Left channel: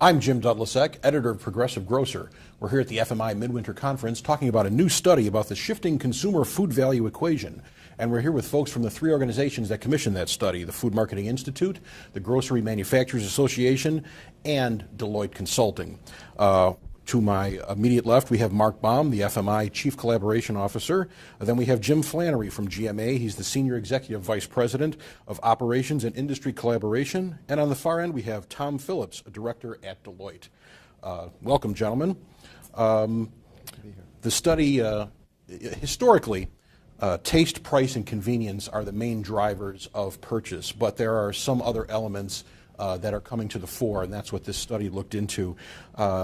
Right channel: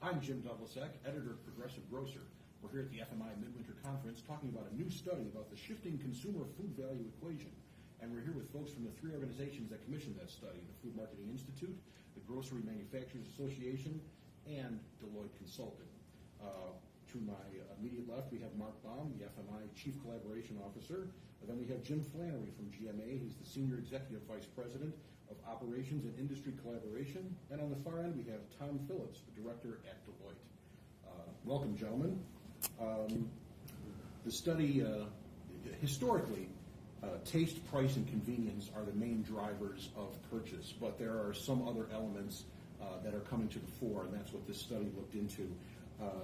I'm Jim Dudlicek, editor of Progressive Grocer. We're here at the FMI Midwinter Conference talking about a new study about the shifting consumer food value equation. And we're here with folks from the three organizations that commissioned that study: the Food Marketing Institute, the Grocery Manufacturers Association, and Deloitte Consulting. To my immediate left, we have Mark Baum, the FMI Chief Collaboration Officer. Then we have Jim Flannery from GMA. He's the Senior Executive Vice President of Operations and Industry Collaboration. And on the far end, we have Tom Phillips, a Director at Deloitte. Welcome, gentlemen. The study, historically, taste, price, and convenience are the main drivers of purchase, but there are some other elements that are coming to the fore, and that's what this study looked into.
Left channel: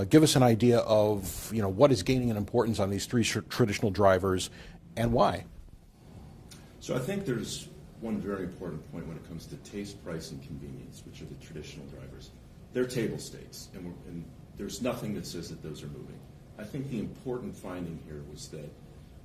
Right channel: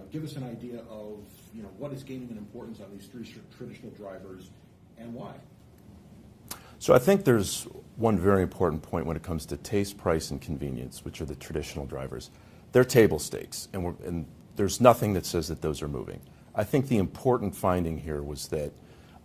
Give us an idea of what is gaining in importance on these three traditional drivers and why. So I think there's one very important point when it comes to taste, price, and convenience, which are the traditional drivers. They're table stakes, and there's nothing that says that those are moving. I think the important finding here was that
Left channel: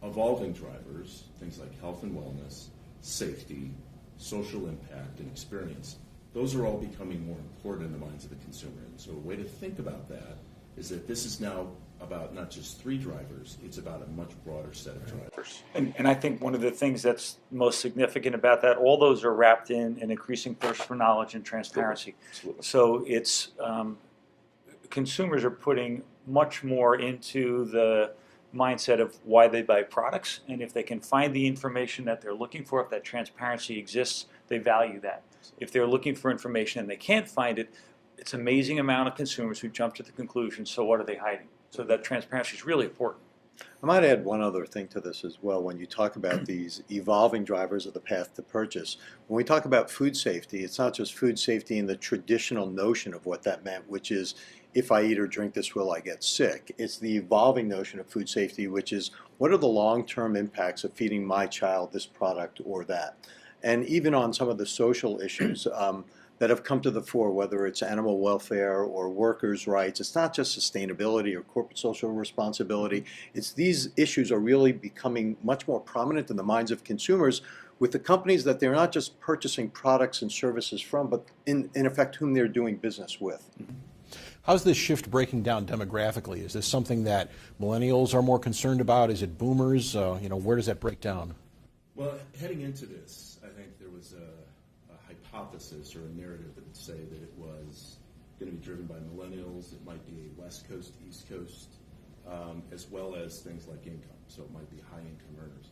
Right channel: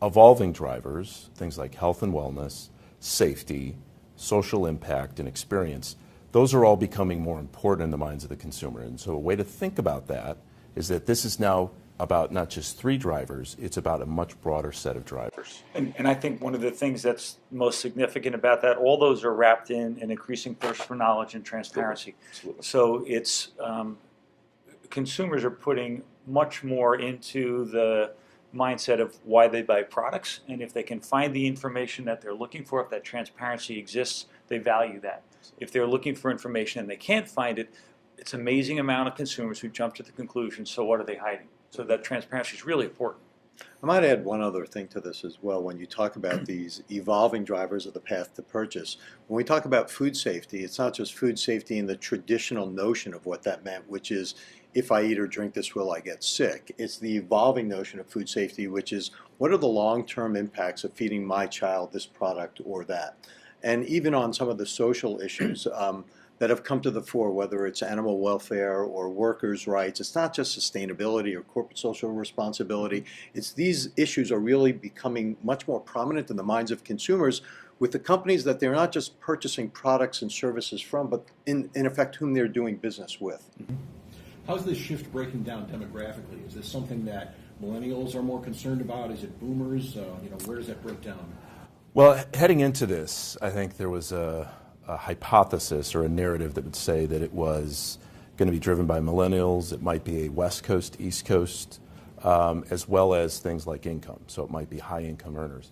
evolving drivers, things like health and wellness, safety, social impact, and experience, those are all becoming more important in the minds of the consumer. And so a way to think about that is that this is now about not just three drivers, it's about a much broader set of drivers. And I think one of the things that's most significant about that, all those are wrapped in an increasing thirst for knowledge and transparency. Absolutely. So it's consumers are putting much more into the mindset of why they buy products, and if they can find the information that they're looking for, if that transparency exists, they value that. If they're looking for information and they can't find it, it's an amazing amount of consumers who jump to the conclusion, so what are they hiding? So that transparency is really important. I might add one other thing to this as well. When you talk about these evolving drivers of the path to purchase, when we talk about food safety, it's not just food safety in the traditional notion of what that meant, which is if I eat or drink this, will I get sick? It's the evolving notion of food safety, which is what are the long-term impacts of feeding my child this product or that? And even on some of the social issues that have come to the fore, whether it's animal welfare or workers' rights, it's not just sustainability or corporate social responsibility. It's these issues are really becoming much more prominent in the minds of consumers with the companies that they're not just purchasing products and services from, but in effect whom they're doing business with. Mm-hmm. How's this shift breaking down demographically? Is this something that millennials are more concerned about? Is it boomers? Where does that break down? Well, heading into this, I think there was a hypothesis or a narrative that would say that it was going to be driven by millennials. It might be a West Coast, East Coast, as well as things like income. So it might be high income earners.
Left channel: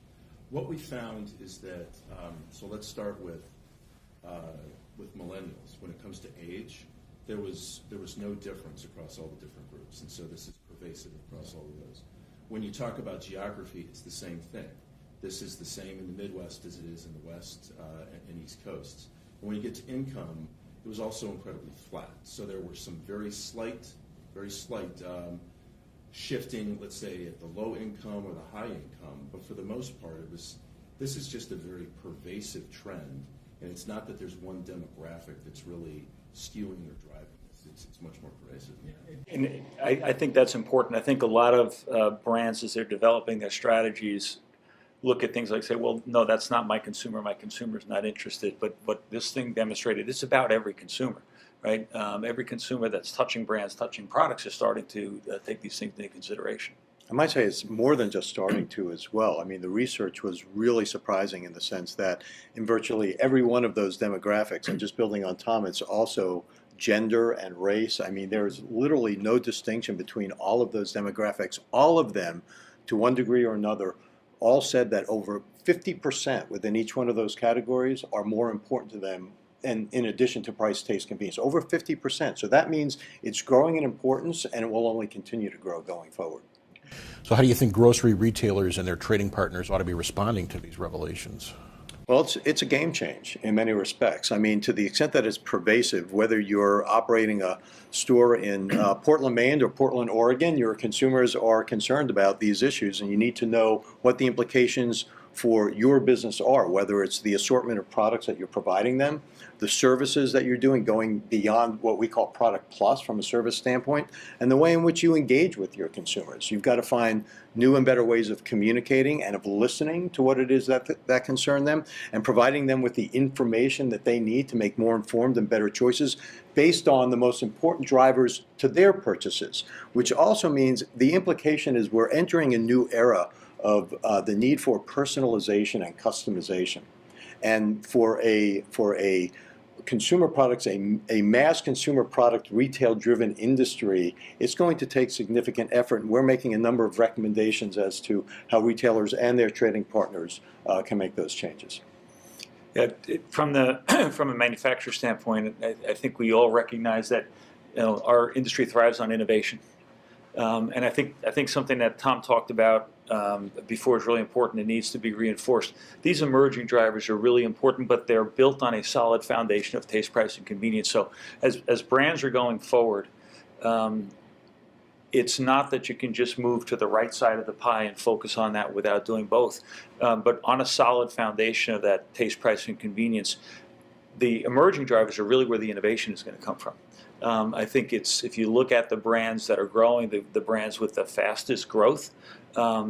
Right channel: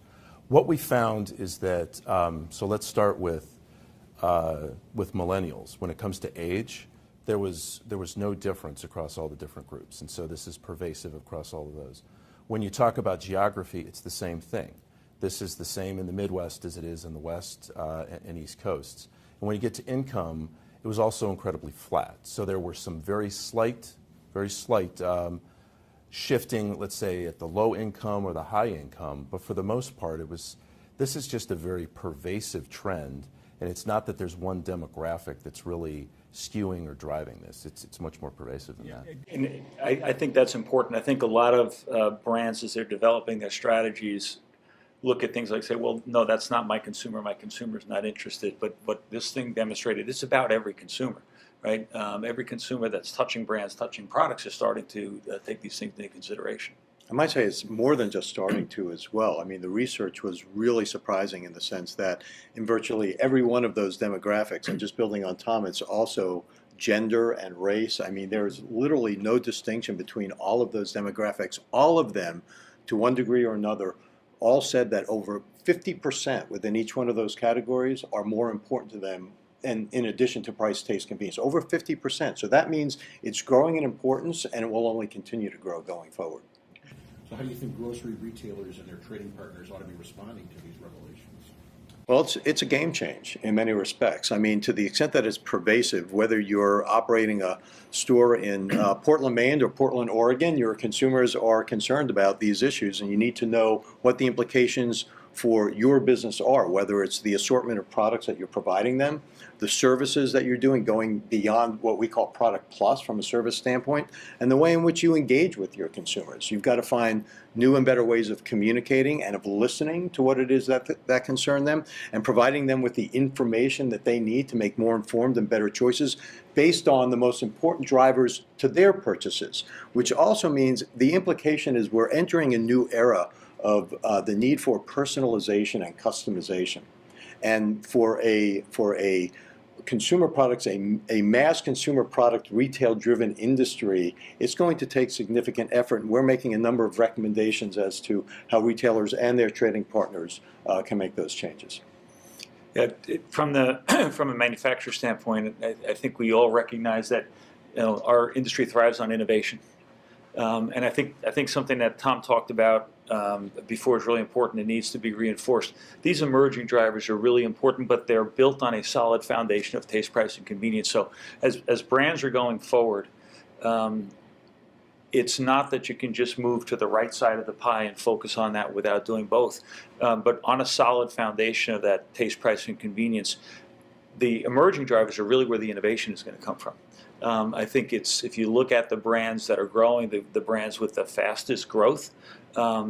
What we found is that, so let's start with millennials. When it comes to age, there was no difference across all the different groups. And so this is pervasive across all of those. When you talk about geography, it's the same thing. This is the same in the Midwest as it is in the West and East Coasts. And when you get to income, it was also incredibly flat. So there were some very slight shifting, let's say, at the low income or the high income. But for the most part, this is just a very pervasive trend. And it's not that there's one demographic that's really skewing or driving this. It's much more pervasive than that. And I think that's important. I think a lot of brands, as they're developing their strategies, look at things like, say, well, no, that's not my consumer. My consumer's not interested. But what this thing demonstrated, it's about every consumer, right? Every consumer that's touching brands, touching products is starting to take these things into consideration. I might say it's more than just starting to as well. I mean, the research was really surprising in the sense that in virtually every one of those demographics, and just building on Tom, it's also gender and race. I mean, there's literally no distinction between all of those demographics. All of them, to one degree or another, all said that over 50% within each one of those categories are more important to them, and in addition to price, taste, convenience, over 50%. So that means it's growing in importance, and it will only continue to grow going forward. So how do you think grocery retailers and their trading partners ought to be responding to these revelations? Well, it's a game change in many respects. I mean, to the extent that it's pervasive, whether you're operating a store in Portland, Maine or Portland, Oregon, your consumers are concerned about these issues, and you need to know what the implications for your business are, whether it's the assortment of products that you're providing them, the services that you're doing, going beyond what we call product plus from a service standpoint, and the way in which you engage with your consumers. You've got to find new and better ways of communicating and of listening to what it is that concern them, and providing them with the information that they need to make more informed and better choices based on the most important drivers to their purchases, which also means the implication is we're entering a new era of the need for personalization and customization. And for a consumer products, a mass consumer product retail-driven industry, it's going to take significant effort, and we're making a number of recommendations as to how retailers and their trading partners can make those changes. Yeah, from a manufacturer standpoint, I think we all recognize that our industry thrives on innovation, and I think something that Tom talked about before is really important and needs to be reinforced. These emerging drivers are really important, but they're built on a solid foundation of taste, price, and convenience. So as brands are going forward, it's not that you can just move to the right side of the pie and focus on that without doing both. But on a solid foundation of that taste, price, and convenience, the emerging drivers are really where the innovation is going to come from. I think if you look at the brands that are growing, the brands with the fastest growth,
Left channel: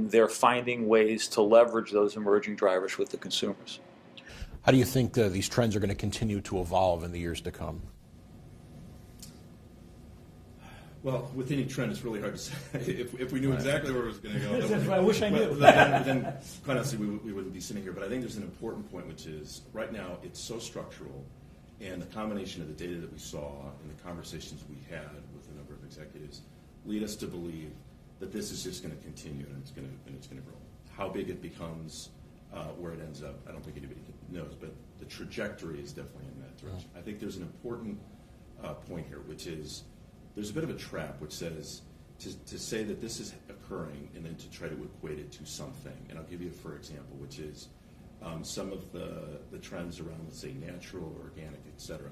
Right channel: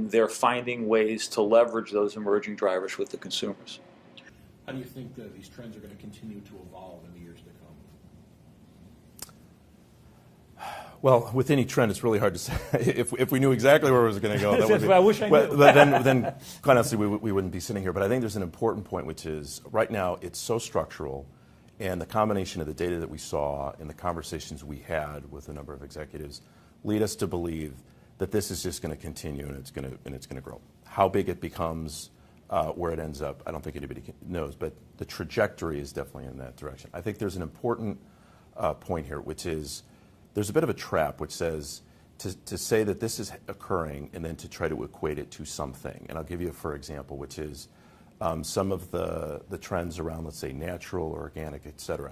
they're finding ways to leverage those emerging drivers with the consumers. How do you think these trends are going to continue to evolve in the years to come? Well, with any trend, it's really hard to say. If we knew exactly where it was going to go, that would be, I wish I knew. but then, quite honestly, we wouldn't be sitting here. But I think there's an important point, which is right now it's so structural, and the combination of the data that we saw and the conversations we had with a number of executives lead us to believe that this is just going to continue and it's going to grow. How big it becomes, where it ends up, I don't think anybody knows, but the trajectory is definitely in that direction. I think there's an important point here, which is there's a bit of a trap which says to say that this is occurring and then to try to equate it to something. And I'll give you, for example, which is some of the trends around, let's say, natural, organic, et cetera.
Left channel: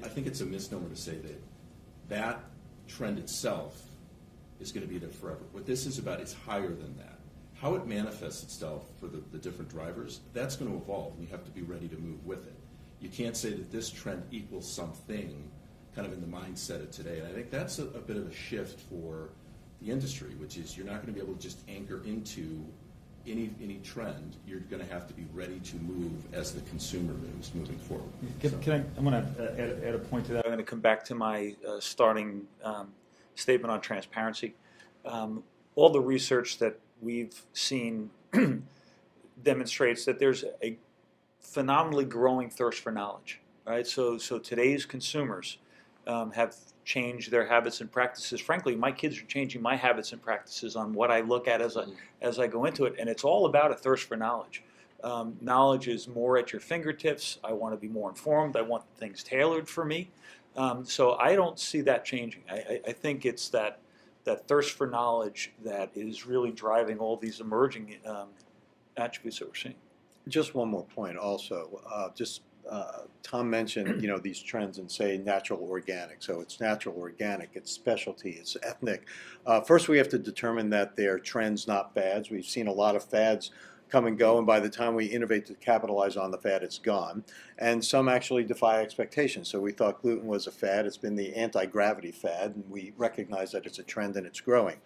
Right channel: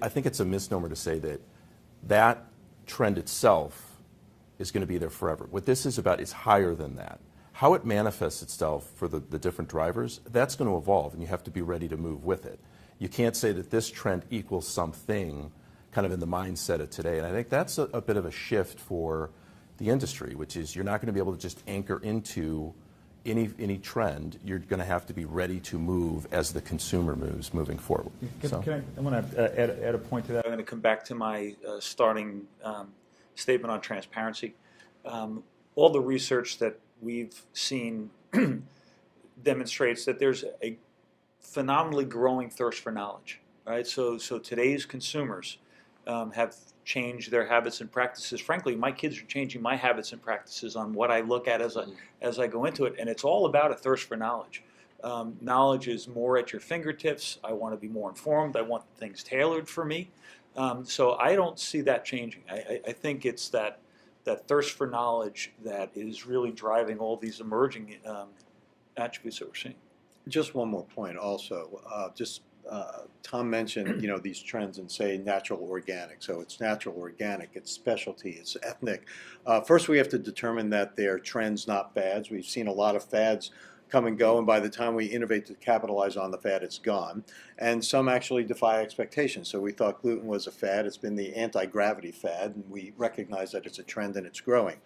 I think it's a misnomer to say that trend itself is going to be there forever. What this is about is higher than that. How it manifests itself for the different drivers, that's going to evolve, and you have to be ready to move with it. You can't say that this trend equals something kind of in the mindset of today. And I think that's a bit of a shift for the industry, which is you're not going to be able to just anchor into any trend. You're going to have to be ready to move as the consumer moves moving forward. I'm going to add a point to that. I'm going to come back to my starting statement on transparency. All the research that we've seen demonstrates that there's a phenomenally growing thirst for knowledge. Right? So today's consumers have changed their habits and practices. Frankly, my kids are changing my habits and practices on what I look at as I go into it, and it's all about a thirst for knowledge. Knowledge is more at your fingertips. I want to be more informed. I want things tailored for me. So I don't see that changing. I think it's that thirst for knowledge that is really driving all these emerging attributes that we're seeing. Just one more point also. Tom mentioned, these trends and say natural organic. So it's natural organic, it's specialty, it's ethnic. First, we have to determine that they're trends, not fads. We've seen a lot of fads come and go, and by the time we innovate to capitalize on the fad, it's gone. And some actually defy expectations. So we thought gluten was a fad. It's been the anti-gravity fad, and we recognize that it's a trend and it's growing.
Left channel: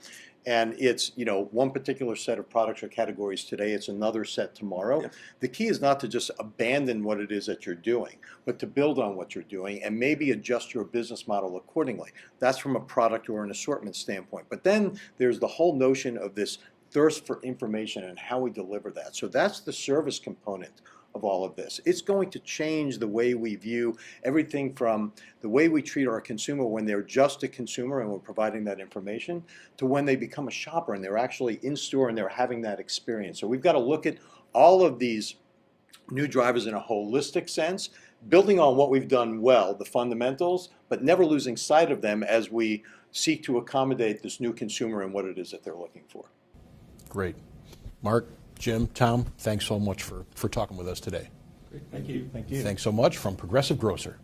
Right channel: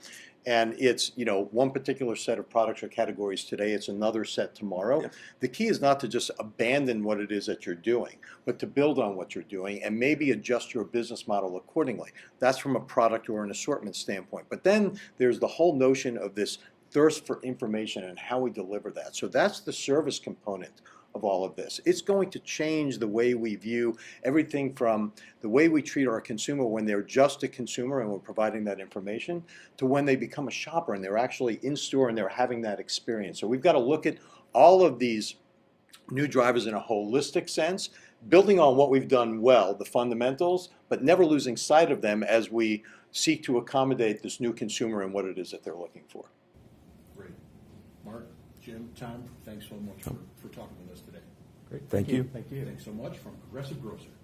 And it's, one particular set of products or categories today, it's another set tomorrow. Yeah. The key is not to just abandon what it is that you're doing, but to build on what you're doing and maybe adjust your business model accordingly. That's from a product or an assortment standpoint. But then there's the whole notion of this thirst for information and how we deliver that. So that's the service component of all of this. It's going to change the way we view everything from the way we treat our consumer when they're just a consumer and we're providing that information to when they become a shopper and they're actually in store and they're having that experience. So we've got to look at all of these new drivers in a holistic sense, building on what we've done well, the fundamentals, but never losing sight of them as we seek to accommodate this new consumer and what it is that they're looking for. Great. Mark, Jim, Tom, thanks so much for talking with us today. Great. Thank you. Thanks so much from Progressive Grocer.